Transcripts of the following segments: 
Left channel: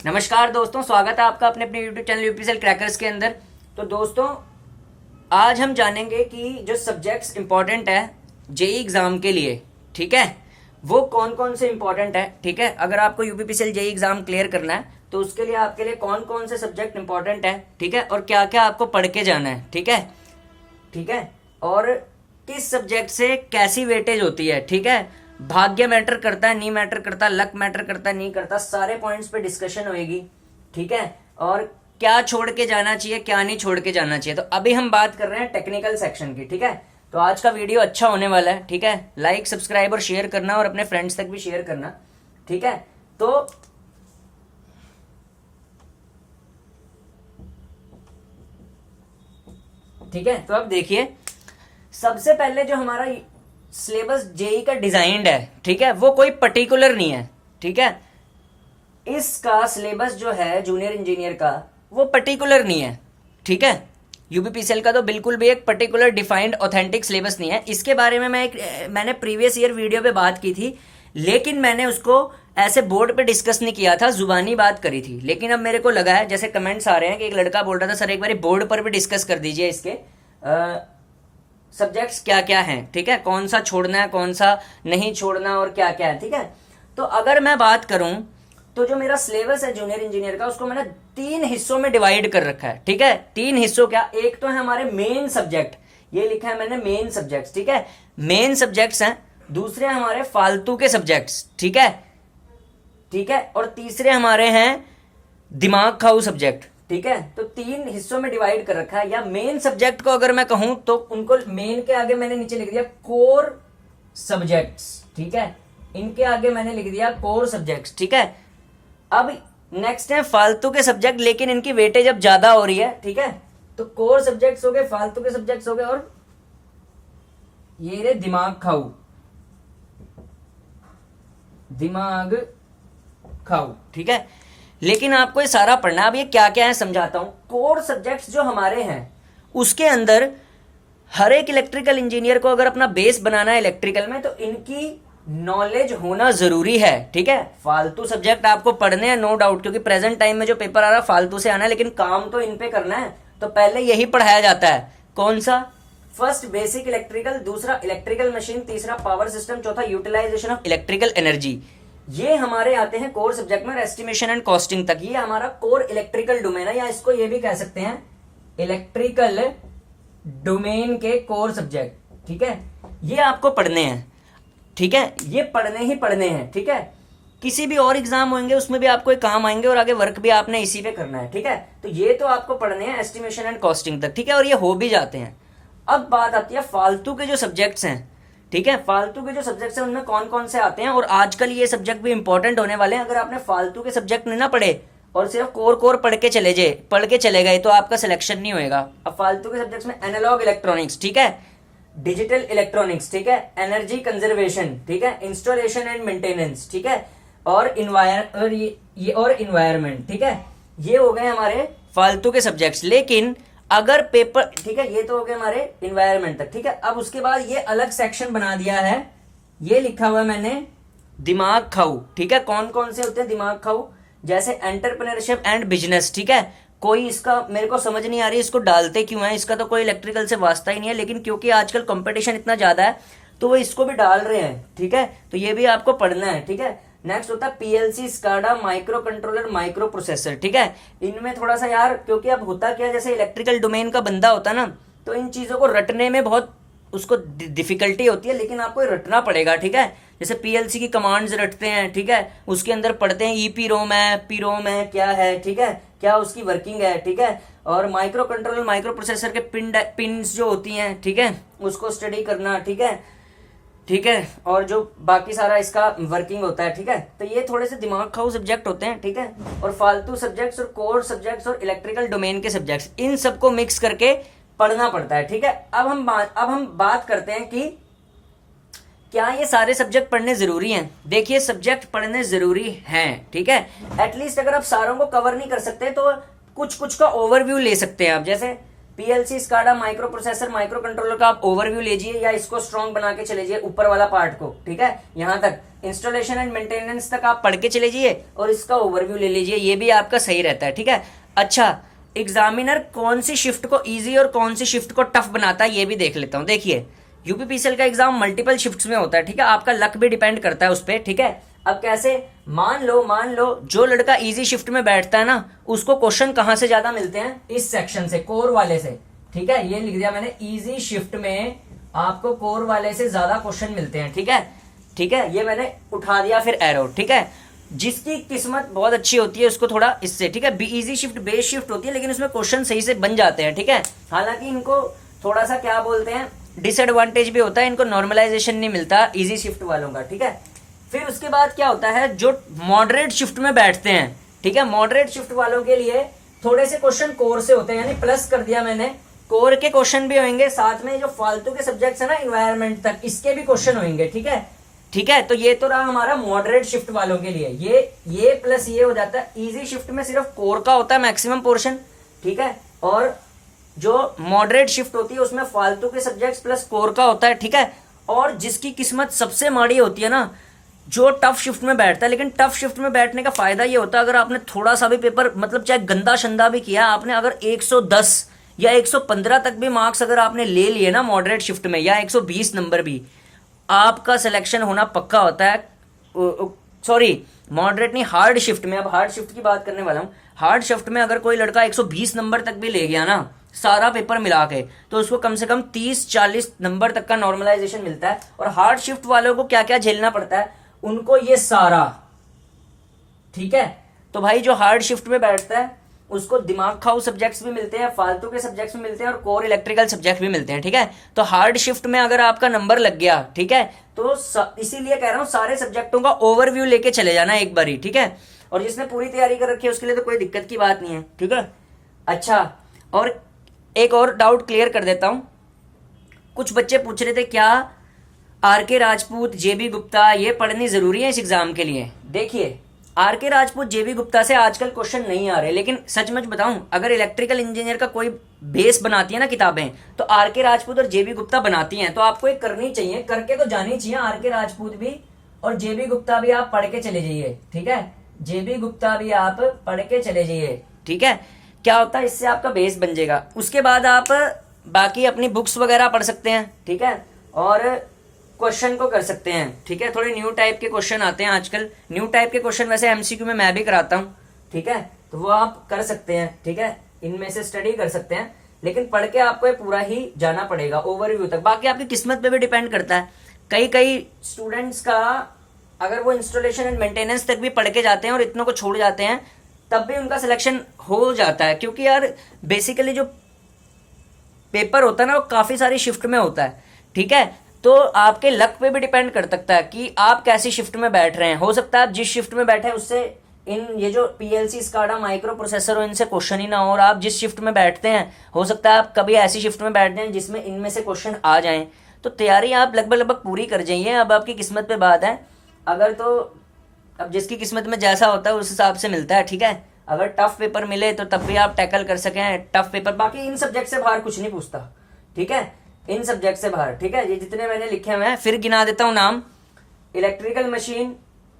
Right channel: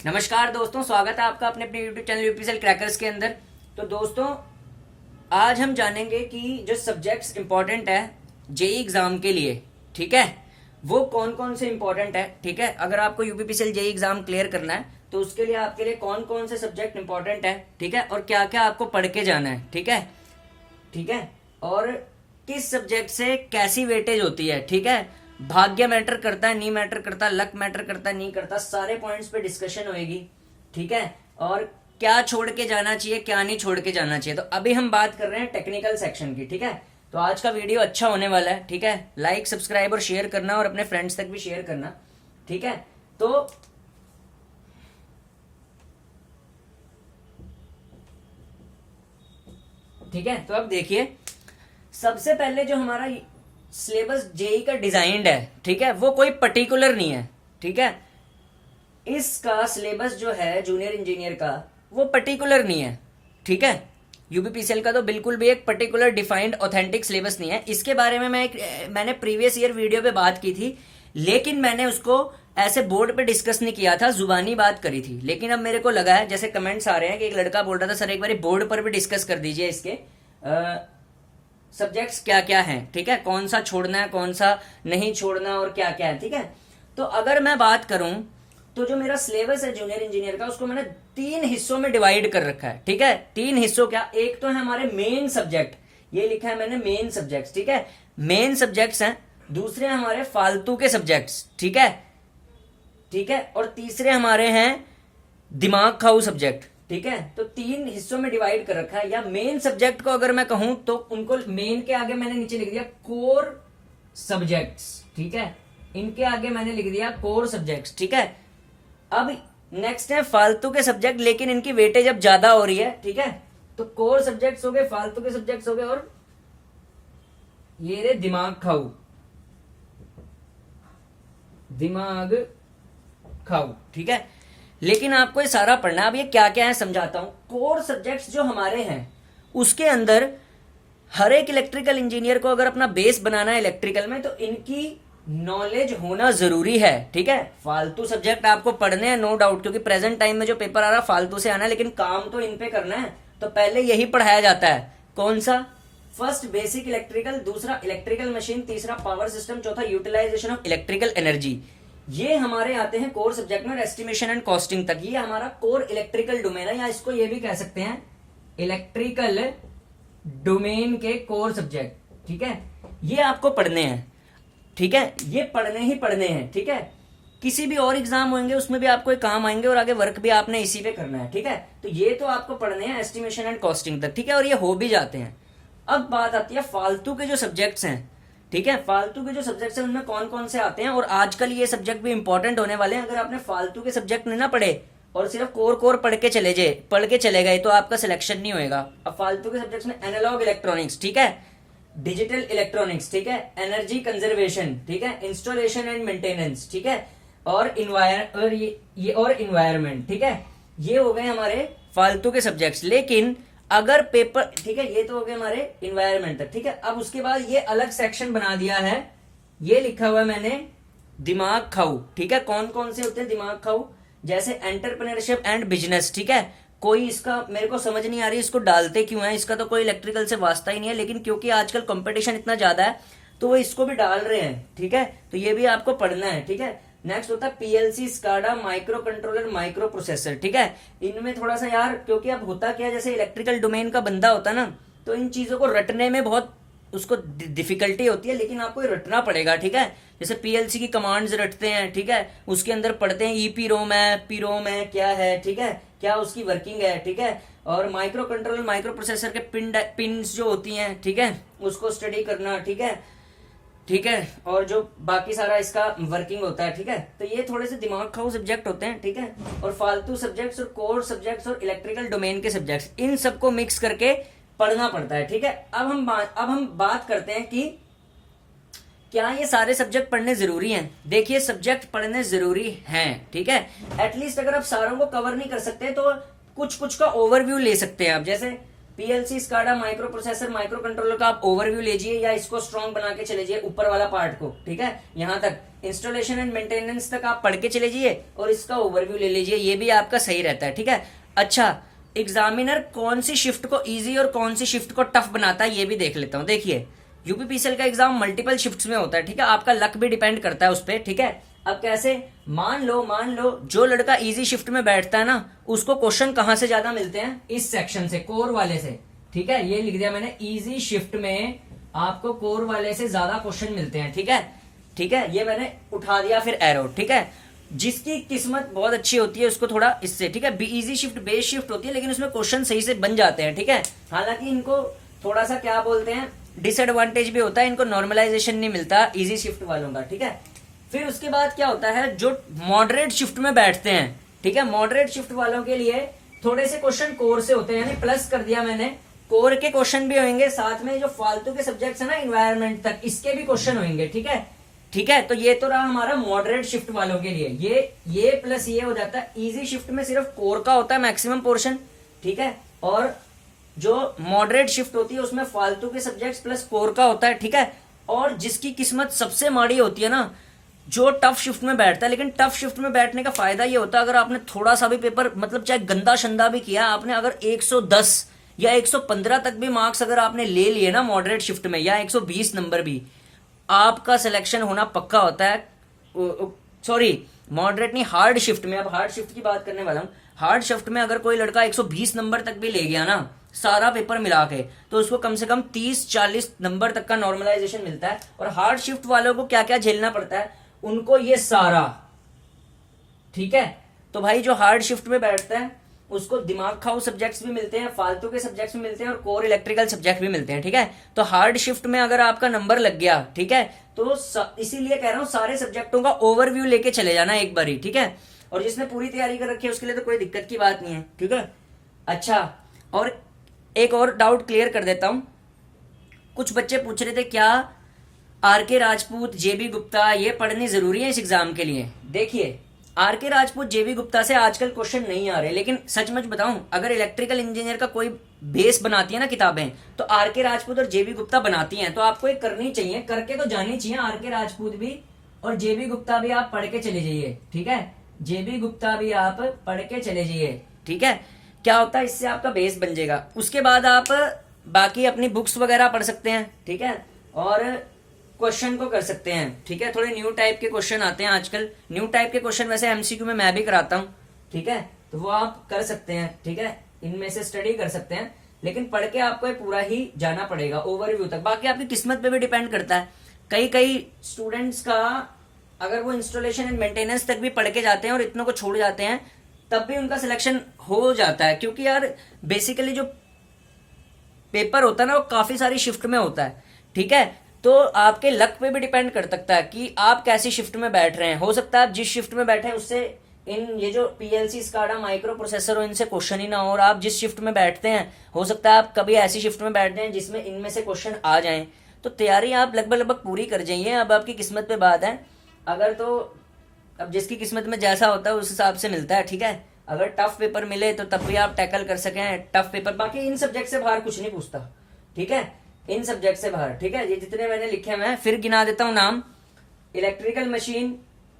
नमस्कार दोस्तों, स्वागत है आपका अपने अपने यूट्यूब चैनल यूपीएसएल क्रैकर्स के अंदर। तो दोस्तों, आज हम जानेंगे कि जो सब्जेक्ट्स इंपॉर्टेंट है जेई एग्जाम के लिए, ठीक है, वो कौन कौन से इंपॉर्टेंट है। ठीक है, अगर आपको यूपीपीसीएल जेई एग्जाम क्लियर करना है तो उसके लिए आपके लिए कौन कौन से सब्जेक्ट इंपॉर्टेंट है, ठीक है, और क्या क्या आपको पढ़ के जाना है, ठीक है, ठीक है, और किस सब्जेक्ट से कैसी वेटेज होती है, ठीक है, भाग्य मैटर करता है नहीं मैटर करता, लक मैटर करता है नहीं करता, सारे पॉइंट्स पे डिस्कशन होएगी, ठीक है, और क्या छोड़ के जाना चाहिए क्या नहीं छोड़ के जाना चाहिए। तो अभी हम बात कर रहे हैं टेक्निकल सेक्शन की, ठीक है। तो आज का वीडियो अच्छा होने वाला है, ठीक है, लाइक सब्सक्राइब और शेयर करना और अपने फ्रेंड्स तक भी शेयर करना, ठीक है। तो ठीक है, तो अब देखिए, सबसे पहले जो हमारा सिलेबस जेई का डिजाइंड है, ठीक है, वो कोई पर्टिकुलर नहीं है, ठीक है। इसका सिलेबस जो है जूनियर इंजीनियर का वो पर्टिकुलर नहीं है, ठीक है। यूपीपीसीएल का तो बिल्कुल भी एक पर्टिकुलर डिफाइंड ऑथेंटिक सिलेबस नहीं है। इसके बारे में मैंने प्रीवियस ईयर वीडियो पे बात की थी, लेकिन मैंने उसको ऐसे बोर्ड पे डिस्कस नहीं किया था, जुबानी बात करी थी। लेकिन अब मेरे को लगा है, जैसे कमेंट्स आ रहे हैं कि एक लड़का बोल रहा था सर एक बार बोर्ड पर भी डिस्कस कर दीजिए इसके सब्जेक्ट्स क्या क्या हैं, ठीक है, कौन सा छोड़ना है कौन सा नहीं छोड़ना और क्या क्या है, ठीक है। तो अगर मैं बात करूं तो जो मेरा सिलेबस है जूनियर इंजीनियर का, उसको मैंने 3 हिस्सों में डिवाइड कर रखा है, ठीक है। 3 हिस्सों क्या, एक तो है हमारे मेन सब्जेक्ट, ये लिखा है मैंने मेन सब्जेक्ट्स, ठीक है, मेन सब्जेक्ट्स हैं। दूसरे हमारे फालतू के सब्जेक्ट्स, ठीक है, ठीक है, और तीसरे हमारे हैं दिमाग खाऊ सब्जेक्ट, ठीक है। तो 3 हिस्सों में डिवाइड कर रखा है। या मेन सब्जेक्ट को अगर मैं कहूं तो उनको मेन के आगे मैंने नीचे लिख दिया कोर सब्जेक्ट्स, ठीक है, इनके आगे मैंने लिख दिया कोर सब्जेक्ट्स, ठीक है। अब नेक्स्ट है फालतू के सब्जेक्ट, लेकिन इनकी वेटेज अब ज्यादा हो रही है, ठीक है। तो कोर सब्जेक्ट्स हो गए, फालतू के सब्जेक्ट्स हो गए, और ये रे दिमाग खाऊ, दिमाग खाऊ, ठीक है। लेकिन आपको ये सारा पढ़ना है। अब ये क्या क्या है समझाता हूं। कोर सब्जेक्ट्स जो हमारे हैं उसके अंदर हर एक इलेक्ट्रिकल इंजीनियर को अगर अपना बेस बनाना है इलेक्ट्रिकल में, तो इनकी नॉलेज होना जरूरी है, ठीक है। फालतू सब्जेक्ट आपको पढ़ने हैं नो डाउट, क्योंकि प्रेजेंट टाइम में जो पेपर आ रहा है फालतू से आना है, लेकिन काम तो इन पे करना है। तो पहले यही पढ़ाया जाता है, कौन सा, फर्स्ट बेसिक इलेक्ट्रिकल, दूसरा इलेक्ट्रिकल मशीन, तीसरा पावर सिस्टम, चौथा यूटिलाइजेशन ऑफ इलेक्ट्रिकल एनर्जी। ये हमारे आते हैं कोर सब्जेक्ट में, एस्टिमेशन एंड कॉस्टिंग तक। ये हमारा कोर इलेक्ट्रिकल डोमेन है, या इसको ये भी कह सकते हैं इलेक्ट्रिकल डोमेन के कोर सब्जेक्ट, ठीक है। ये आपको पढ़ने हैं, ठीक है, ये पढ़ने ही पढ़ने हैं, ठीक है। किसी भी और एग्जाम होंगे उसमें भी आपको काम आएंगे, और आगे वर्क भी आपने इसी पे करना है, ठीक है। तो ये तो आपको पढ़ने हैं एस्टिमेशन एंड कॉस्टिंग तक, ठीक है, और ये हो भी जाते हैं। अब बात आती है फालतू के जो सब्जेक्ट्स हैं, ठीक है, फालतू के जो सब्जेक्ट्स हैं उनमें कौन कौन से आते हैं, और आजकल ये सब्जेक्ट भी इंपॉर्टेंट होने वाले हैं। अगर आपने फालतू के सब्जेक्ट नहीं ना पढ़े और सिर्फ कोर कोर पढ़ के चले गए तो आपका सिलेक्शन नहीं होगा। अब फालतू के सब्जेक्ट्स में एनालॉग इलेक्ट्रॉनिक्स, ठीक है, डिजिटल इलेक्ट्रॉनिक्स, ठीक है, एनर्जी कंजर्वेशन, ठीक है, इंस्टॉलेशन एंड मेंटेनेंस, ठीक है, और इन्वायरमेंट, ठीक है, ये हो गए हमारे फालतू के सब्जेक्ट्स। लेकिन अगर पेपर, ठीक है, ये तो हो गए हमारे इन्वायरमेंट तक, ठीक है। अब उसके बाद ये अलग सेक्शन बना दिया है, ये लिखा हुआ है मैंने दिमाग खाऊ, ठीक है। कौन कौन से होते हैं दिमाग खाऊ, जैसे एंटरप्रेन्योरशिप एंड बिजनेस, ठीक है। कोई इसका मेरे को समझ नहीं आ रही इसको डालते क्यों है, इसका तो कोई इलेक्ट्रिकल से वास्ता ही नहीं है, लेकिन क्योंकि आजकल कंपटीशन इतना ज्यादा है तो वो इसको भी डाल रहे हैं, ठीक है। तो ये भी आपको पढ़ना है, ठीक है। नेक्स्ट होता है PLC, SCADA, micro controller, micro processor, ठीक है। इनमें थोड़ा सा यार, क्योंकि अब होता क्या, जैसे इलेक्ट्रिकल डोमेन का बंदा होता है ना, तो इन चीजों को रटने में बहुत उसको डिफिकल्टी होती है, लेकिन आपको रटना पड़ेगा, ठीक है। जैसे पीएलसी की कमांड्स रटते हैं, ठीक है, उसके अंदर पढ़ते हैं ईपी रोम है, पी रोम है, क्या है, ठीक है, क्या उसकी वर्किंग है, ठीक है। और माइक्रो कंट्रोलर, माइक्रो प्रोसेसर के पिन्स जो होती हैं, ठीक है, उसको स्टडी करना, ठीक है, ठीक है, और जो बाकी सारा इसका वर्किंग होता है, ठीक है। तो ये थोड़े से दिमाग खाऊ सब्जेक्ट होते हैं, ठीक है। और फालतू सब्जेक्ट्स और कोर सब्जेक्ट्स और इलेक्ट्रिकल डोमेन के सब्जेक्ट्स, इन सबको मिक्स करके पढ़ना पड़ता है, ठीक है। अब हम बात करते हैं कि क्या ये सारे सब्जेक्ट पढ़ने जरूरी हैं। देखिए, सब्जेक्ट पढ़ने जरूरी हैं, ठीक है। एटलीस्ट अगर आप सारों को कवर नहीं कर सकते तो कुछ कुछ का ओवरव्यू ले सकते हैं आप। जैसे PLC, SCADA, micro processor, micro controller का आप ओवरव्यू लीजिए या इसको स्ट्रॉन्ग बना के चले जाइए ऊपर वाला पार्ट को, ठीक है, यहां तक इंस्टॉलेशन एंड मेंटेनेंस तक आप पढ़ के चले जाइए और इसका ओवरव्यू ले लीजिए, ये भी आपका सही रहता है, ठीक है। अच्छा, एग्जामिनर कौन सी शिफ्ट को इजी और कौन सी शिफ्ट को टफ बनाता है ये भी देख लेता हूं। देखिए, यूपीपीसीएल का एग्जाम मल्टीपल शिफ्ट्स में होता है, ठीक है, आपका लक भी डिपेंड करता है उस पर, ठीक है। अब कैसे, मान लो जो लड़का इजी शिफ्ट में बैठता है ना, उसको क्वेश्चन कहां से ज्यादा मिलते हैं, इस सेक्शन से, कोर वाले से, ठीक है, ये लिख दिया मैंने, इजी शिफ्ट में आपको कोर वाले से ज्यादा क्वेश्चन मिलते हैं, ठीक है, ठीक है, ये मैंने उठा दिया फिर एरो, ठीक है। जिसकी किस्मत बहुत अच्छी होती है उसको थोड़ा इससे, ठीक है, इजी शिफ्ट बेस शिफ्ट होती है लेकिन उसमें क्वेश्चन सही से बन जाते हैं, ठीक है। हालांकि इनको थोड़ा सा क्या बोलते हैं, डिसएडवांटेज भी होता है, इनको नॉर्मलाइजेशन नहीं मिलता इजी शिफ्ट वालों का, ठीक है। फिर उसके बाद क्या होता है, जो मॉडरेट शिफ्ट में बैठते हैं, ठीक है, मॉडरेट शिफ्ट वालों के लिए थोड़े से क्वेश्चन कोर से होते हैं, यानी प्लस कर दिया मैंने, कोर के क्वेश्चन भी होंगे, साथ में जो फालतू के सब्जेक्ट्स है ना इन्वायरमेंट तक, इसके भी क्वेश्चन होंगे, ठीक है, ठीक है। तो ये तो रहा हमारा मॉडरेट शिफ्ट वालों के लिए, ये प्लस ये हो जाता है। इजी शिफ्ट में सिर्फ कोर का होता है मैक्सिमम पोर्शन, ठीक है, और जो मॉडरेट शिफ्ट होती है उसमें फालतू के सब्जेक्ट्स प्लस कोर का होता है, ठीक है। और जिसकी किस्मत सबसे माड़ी होती है ना, जो टफ शिफ्ट में बैठता है, लेकिन टफ शिफ्ट में बैठने का फायदा ये होता है, अगर आपने थोड़ा सा भी पेपर मतलब चाहे गंदा शंदा भी किया आपने, अगर 110 या 115 तक भी मार्क्स अगर आपने ले लिए ना मॉडरेट शिफ्ट में, या 120 नंबर भी, आपका सिलेक्शन होना पक्का होता है। सॉरी, मॉडरेट नहीं, हार्ड शिफ्ट में, अब हार्ड शिफ्ट की बात करने वाला हूं। हार्ड शिफ्ट में अगर कोई लड़का 120 नंबर तक भी ले गया ना सारा पेपर मिला के, तो उसको कम से कम 30-40 नंबर तक का नॉर्मलाइजेशन मिलता है। और हार्ड शिफ्ट वालों को क्या क्या झेलना पड़ता है, उनको ये सारा, ठीक है। तो भाई जो हार्ड शिफ्ट में बैठता है उसको दिमाग खाओ सब्जेक्ट्स भी मिलते हैं, फालतू के सब्जेक्ट्स भी मिलते हैं, और कोर इलेक्ट्रिकल सब्जेक्ट भी मिलते हैं, ठीक है। तो हार्ड शिफ्ट में अगर आपका नंबर लग गया, ठीक है, तो इसीलिए कह रहा हूं सारे सब्जेक्टों का ओवरव्यू लेके चले जाना एक बार ही, ठीक है। और जिसने पूरी तैयारी कर रखी है उसके लिए तो कोई दिक्कत की बात नहीं है, ठीक है। अच्छा, और एक और डाउट क्लियर कर देता हूं। कुछ बच्चे पूछ रहे थे क्या आरके राजपूत, जेबी गुप्ता ये पढ़नी जरूरी है इस एग्जाम के लिए। देखिए, आरके राजपूत, जेबी गुप्ता से आजकल क्वेश्चन नहीं आ रहे, लेकिन सच में बताऊं, अगर इलेक्ट्रिकल इंजीनियर का कोई बेस बनाती है ना किताबें, तो आरके राजपूत और जेबी गुप्ता बनाती हैं। तो आपको एक करनी चाहिए, करके तो जानी चाहिए। आरके राजपूत भी और जेबी गुप्ता भी आप पढ़ के चले जाइए, ठीक है, जेबी गुप्ता भी आप पढ़ के चले जाइए, ठीक है। क्या होता है, इससे आपका बेस बन जाएगा। उसके बाद आप बाकी अपनी बुक्स वगैरह पढ़ सकते हैं, ठीक है, और क्वेश्चन को कर सकते हैं, ठीक है। थोड़े न्यू टाइप के क्वेश्चन आते हैं आजकल, न्यू टाइप के क्वेश्चन वैसे एमसीक्यू में मैं भी कराता हूं, ठीक है, तो वो आप कर सकते हैं, ठीक है, इनमें से स्टडी कर सकते हैं। लेकिन पढ़ के आपको पूरा ही जाना पड़ेगा ओवरव्यू तक, बाकी आपकी किस्मत पे भी डिपेंड करता है। कई स्टूडेंट्स का अगर वो इंस्टॉलेशन एंड मेंटेनेंस तक भी पढ़ के जाते हैं और इतनों को छोड़ जाते हैं, तब भी उनका सिलेक्शन हो जाता है, क्योंकि यार बेसिकली जो पेपर होता है ना वो काफी सारी शिफ्ट में होता है, ठीक है। तो आपके लक पे भी डिपेंड कर सकता है कि आप कैसी शिफ्ट में बैठ रहे हैं। हो सकता है आप जिस शिफ्ट में बैठे हैं उससे ये जो पीएलसी, स्काडा, माइक्रो प्रोसेसर हो, इनसे क्वेश्चन ही ना हो, और आप जिस शिफ्ट में बैठते हैं हो सकता है आप कभी ऐसी शिफ्ट में बैठ जाएं जिसमें इनमें से क्वेश्चन आ जाएं। तो तैयारी आप लगभग पूरी कर जाइए। अब आपकी किस्मत पे बात है, अगर तो अब जिसकी किस्मत में जैसा होता है उस हिसाब से मिलता है, ठीक है। अगर टफ पेपर मिले तो तब भी आप टैकल कर सकें टफ पेपर। बाकी इन सब्जेक्ट से बाहर कुछ नहीं पूछता, ठीक है, इन सब्जेक्ट से बाहर, ठीक है। ये जितने मैंने लिखे हुए हैं फिर गिना देता हूं नाम: electrical machine,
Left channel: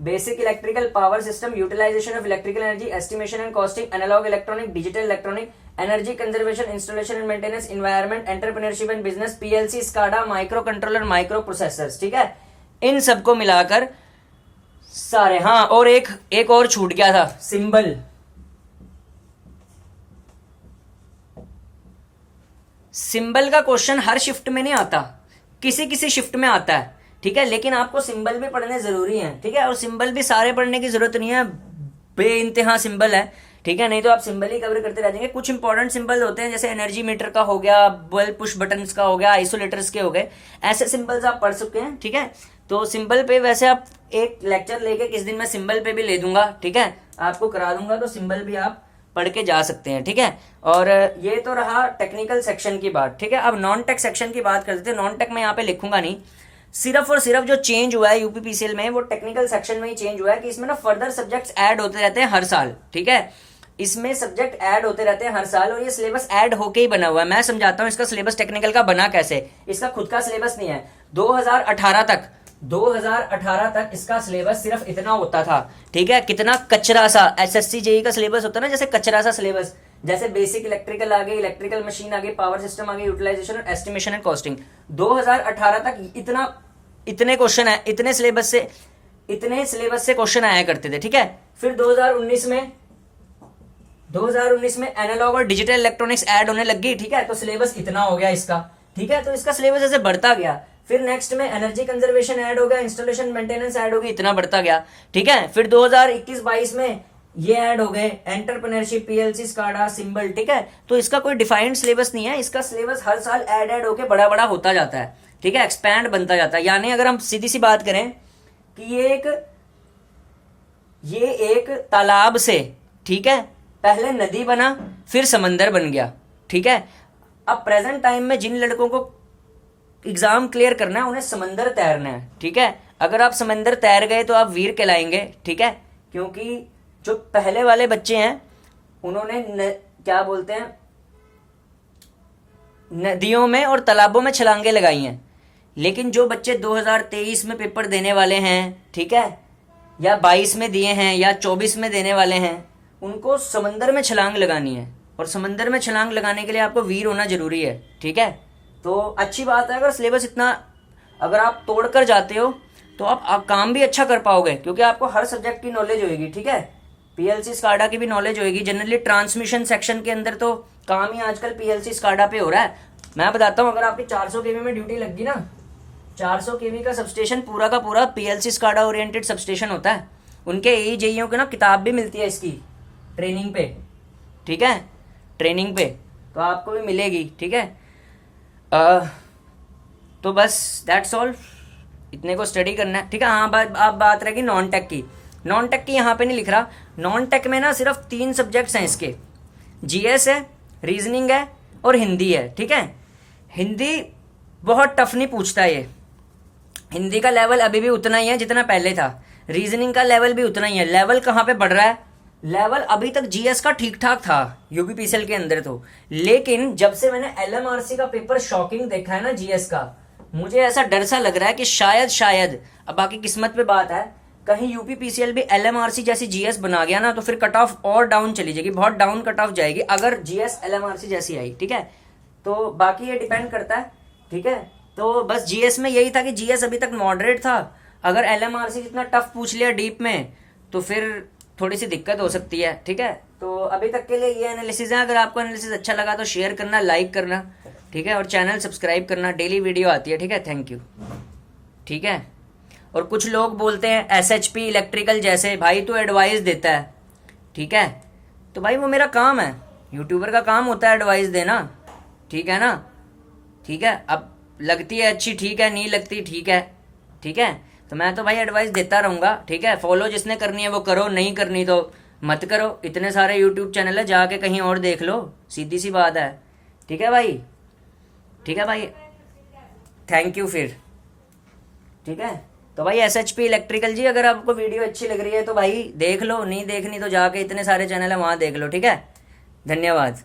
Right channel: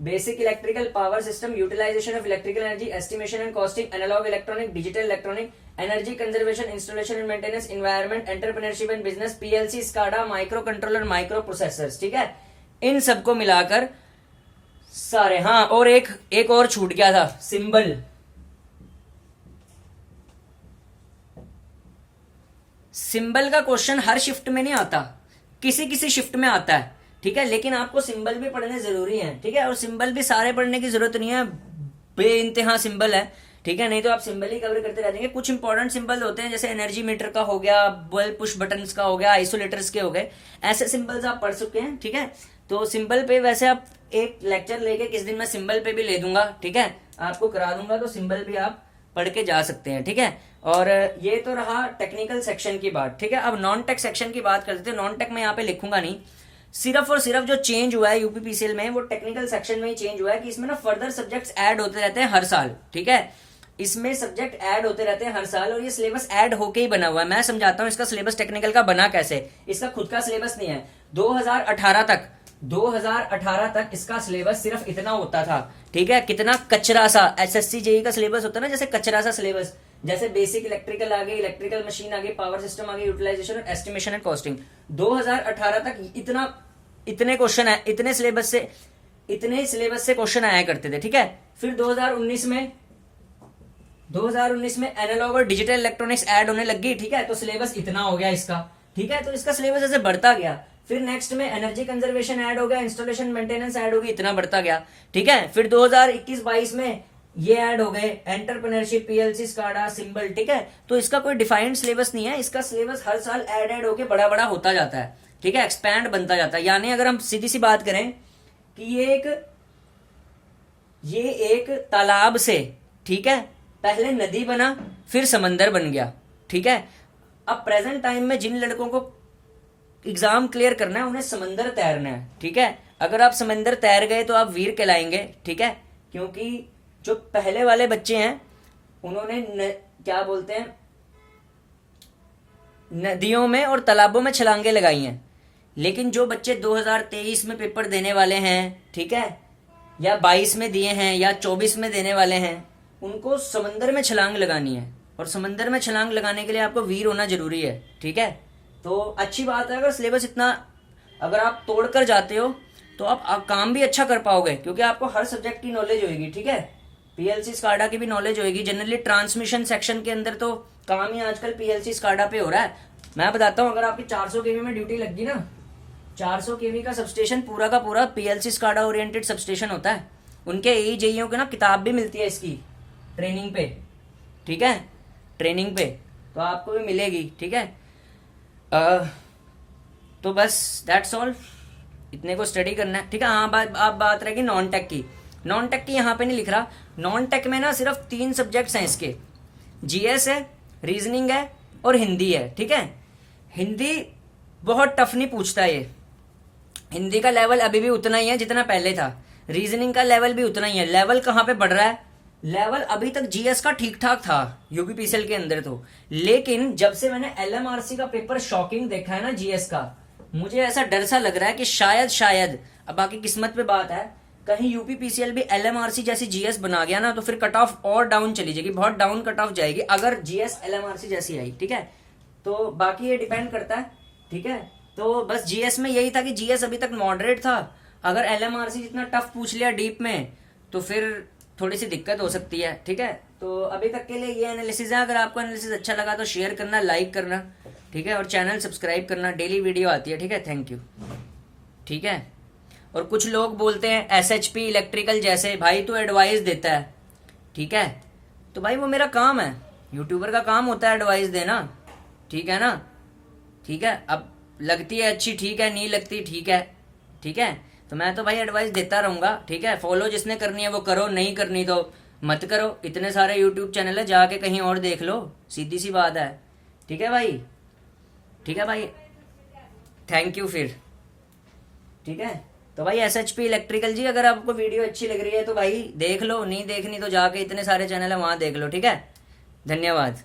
basic electrical power system, utilisation of electrical energy, estimation and costing, analogue electronic, digital electronic, energy conservation, installation and maintenance, environment, entrepreneurship and business, PLC, SCADA, micro controller, micro processors, ठीक है। इन सबको मिलाकर सारे, हाँ, और एक और छूट गया था, सिंबल। सिंबल का क्वेश्चन हर शिफ्ट में नहीं आता, किसी किसी शिफ्ट में आता है, ठीक है, लेकिन आपको सिंबल भी पढ़ने जरूरी है, ठीक है। और सिंबल भी सारे पढ़ने की जरूरत नहीं है, बेइंतहा सिंबल है, ठीक है, नहीं तो आप सिंबल ही कवर करते रह जाएंगे। कुछ इंपॉर्टेंट सिंबल होते हैं जैसे एनर्जी मीटर का हो गया, बल्ब पुश बटन्स का हो गया, आइसोलेटर्स के हो गए, ऐसे सिंबल्स आप पढ़ सकते हैं, ठीक है। तो सिंबल पे वैसे आप एक लेक्चर लेके किस दिन मैं सिंबल पे भी ले दूंगा, ठीक है, आपको करा दूंगा, तो सिंबल भी आप पढ़ के जा सकते हैं, ठीक है। और ये तो रहा टेक्निकल सेक्शन की बात, ठीक है। अब नॉन टेक सेक्शन की बात करते हैं। नॉन टेक में यहाँ पे लिखूंगा नहीं, सिर्फ और सिर्फ जो चेंज हुआ है यूपीपीसीएल में वो टेक्निकल सेक्शन में ही चेंज हुआ है कि इसमें ना फर्दर सब्जेक्ट्स ऐड होते रहते हैं हर साल, ठीक है। इसमें सब्जेक्ट ऐड होते रहते हैं हर साल, और ये सिलेबस ऐड होके ही बना हुआ है। मैं समझाता हूँ इसका सिलेबस टेक्निकल का बना कैसे। इसका खुद का सिलेबस नहीं है। 2018 तक इसका सिलेबस सिर्फ इतना होता था, ठीक है। कितना कचरा सा एसएससी जेई का सिलेबस होता है ना, जैसे कचरा सा सिलेबस, जैसे बेसिक इलेक्ट्रिकल आ गई, इलेक्ट्रिकल मशीन आ गई, पावर सिस्टम आ गई, यूटिलाइजेशन और एस्टिमेशन एंड कॉस्टिंग। 2018 तक इतने क्वेश्चन है, इतने सिलेबस से क्वेश्चन आया करते थे, ठीक है। फिर 2019 में एनालॉग और डिजिटल इलेक्ट्रॉनिक्स ऐड होने लगी, ठीक है। तो सिलेबस इतना हो गया इसका, ठीक है। तो इसका सिलेबस ऐसे बढ़ता गया। फिर नेक्स्ट में एनर्जी कंजर्वेशन ऐड हो गया, इंस्टॉलेशन मेंटेनेंस ऐड हो गई, इतना बढ़ता गया, ठीक है। फिर 2021-22 में ये ऐड हो गए, एंटरप्रेन्योरशिप, पीएलसी, स्काडा, सिंबल, ठीक है। तो इसका कोई डिफाइंड सिलेबस नहीं है। इसका सिलेबस हर साल ऐड होके बड़ा बड़ा होता जाता है, ठीक है, एक्सपैंड बनता जाता है। यानी अगर हम सीधी सी बात करें कि ये एक तालाब से, ठीक है, पहले नदी बना, फिर समंदर बन गया, ठीक है। अब प्रेजेंट टाइम में जिन लड़कों को एग्जाम क्लियर करना है, उन्हें समंदर तैरना है, ठीक है। अगर आप समंदर तैर गए तो आप वीर कहलाएंगे, ठीक है। क्योंकि जो पहले वाले बच्चे हैं उन्होंने क्या बोलते हैं, नदियों में और तालाबों में छलांगे लगाई हैं। लेकिन जो बच्चे 2023 में पेपर देने वाले हैं, ठीक है, या 22 में दिए हैं या 24 में देने वाले हैं, उनको समंदर में छलांग लगानी है। और समंदर में छलांग लगाने के लिए आपको वीर होना जरूरी है, ठीक है। तो अच्छी बात है, अगर सिलेबस इतना अगर आप तोड़ कर जाते हो तो आप काम भी अच्छा कर पाओगे, क्योंकि आपको हर सब्जेक्ट की नॉलेज होगी, ठीक है। पीएलसी स्काडा की भी नॉलेज होगी। जनरली ट्रांसमिशन सेक्शन के अंदर तो काम ही आजकल पीएलसी स्काडा पे हो रहा है। मैं बताता हूँ, अगर आपकी 400 केवी में ड्यूटी लगी ना, 400 केवी का सबस्टेशन पूरा का पूरा पीएलसी स्काडा ओरिएंटेड सबस्टेशन होता है। उनके एई जेईओ को ना किताब भी मिलती है इसकी ट्रेनिंग पे, ठीक है, ट्रेनिंग पे, तो आपको भी मिलेगी, ठीक है। तो बस दैट्स ऑल, इतने को स्टडी करना है, ठीक है। हाँ, आप बात रहेगी नॉन टेक की। नॉन टेक की यहाँ पे नहीं लिख रहा। नॉन टेक में ना सिर्फ 3 सब्जेक्ट्स हैं इसके, जीएस है, रीजनिंग है और हिंदी है, ठीक है। हिंदी बहुत टफ नहीं पूछता ये। हिंदी का लेवल अभी भी उतना ही है जितना पहले था। रीजनिंग का लेवल भी उतना ही है। लेवल कहाँ पे बढ़ रहा है, लेवल अभी तक जीएस का ठीक ठाक था यूपीपीसीएल के अंदर तो, लेकिन जब से मैंने एलएमआरसी का पेपर शॉकिंग देखा है ना जीएस का, मुझे ऐसा डर सा लग रहा है कि शायद अब बाकी किस्मत पे बात है, कहीं यूपीपीसीएल भी एलएमआरसी जैसी जीएस बना गया ना, तो फिर कट ऑफ और डाउन चली जाएगी, बहुत डाउन कट ऑफ जाएगी अगर जीएस एलएमआरसी जैसी आई, ठीक है। तो बाकी ये डिपेंड करता है, ठीक है। तो बस जीएस में यही था कि जीएस अभी तक मॉडरेट था। अगर एलएमआरसी जितना टफ पूछ लिया डीप में तो फिर थोड़ी सी दिक्कत हो सकती है, ठीक है। तो अभी तक के लिए ये एनालिसिस है। अगर आपको एनालिसिस अच्छा लगा तो शेयर करना, लाइक करना, ठीक है, और चैनल सब्सक्राइब करना। डेली वीडियो आती है, ठीक है। थैंक यू, ठीक है। और कुछ लोग बोलते हैं एसएचपी इलेक्ट्रिकल जैसे, भाई तो एडवाइस देता है, ठीक है। तो भाई वो मेरा काम है, यूट्यूबर का काम होता है एडवाइस देना, ठीक है ना, ठीक है। अब लगती है अच्छी, ठीक है, नहीं लगती, ठीक है, ठीक है। तो मैं तो भाई एडवाइस देता रहूंगा, ठीक है। फॉलो जिसने करनी है वो करो, नहीं करनी तो मत करो। इतने सारे यूट्यूब चैनल है, जाके कहीं और देख लो, सीधी सी बात है, ठीक है भाई, ठीक है भाई। थैंक यू फिर, ठीक है। तो भाई एसएचपी इलेक्ट्रिकल जी, अगर आपको वीडियो अच्छी लग रही है तो भाई देख लो, नहीं देखनी तो जाके इतने सारे चैनल है वहां देख लो, ठीक है। धन्यवाद।